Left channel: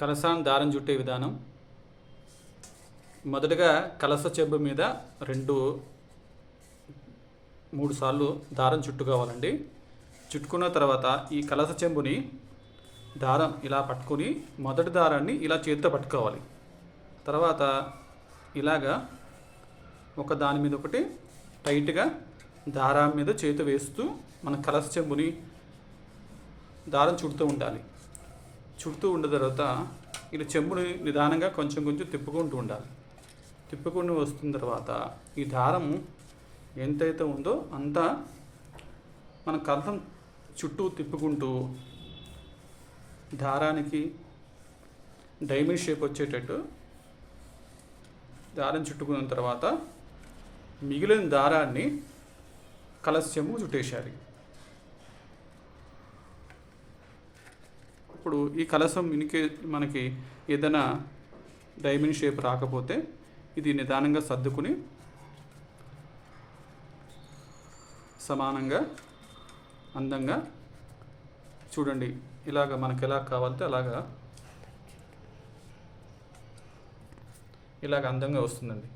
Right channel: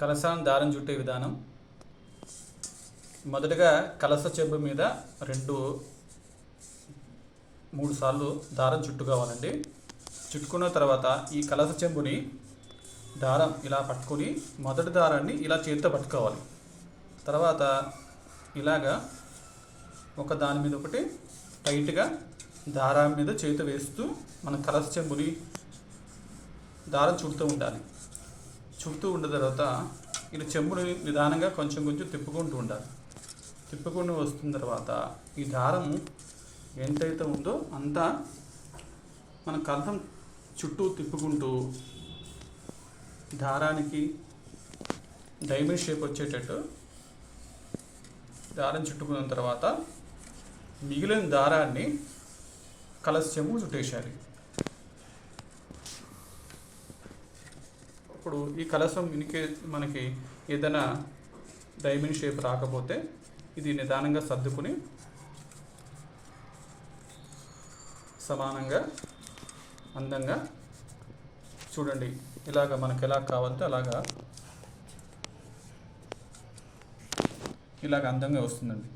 కలసాన్ని దారం చుట్టే విధానం. మొదటగా కలస చెంబు మీద రెండు మూడు సార్లు దారం చుట్టుకోవాలండి. చుట్టుకున్న తర్వాత ఈ కలస చెంబుని దారం ఇలా పట్టుకొని మొదటి దారాన్ని ఇలా చేతితో పట్టుకోవాలి. తర్వాత ఇలాగా ఒక దాని మీద ఒకటి టైట్గా దారం మీద చేతి వేస్తూ మన కలస చెంబుని దారం చుడుతూ ఉండాలి. చుడుతూ ఉన్న తర్వాత ఇది చెంబుని నిదానంగా కొంచెం కొంచెం తిప్పుకుంటూ ఉండాలి. తిప్పుకొని వస్తున్న తర్వాత ఈ దారం ఎంతైతే ఉందో అంతా మన కలసం చుట్టూ తిప్పుకుంటూ దారానికి డైమండ్ షేప్ వచ్చేటట్టు దారం చుట్టుకున్న తర్వాత మిగిలిన దారాన్ని కలస చెంబు చుట్టేసేయాలి ఇప్పుడు ఈ కలసం ఇనికే మనకి ఏదైనా డైమండ్ షేప్ రాకపోతే ఇది నిదానంగా సర్దుకుని సమానంగా అందంగా చూడండి. ఇలాగ మనకి ఎలా కావాలంటే అలాగా ఇలాగ అందంగా వస్తుందండి.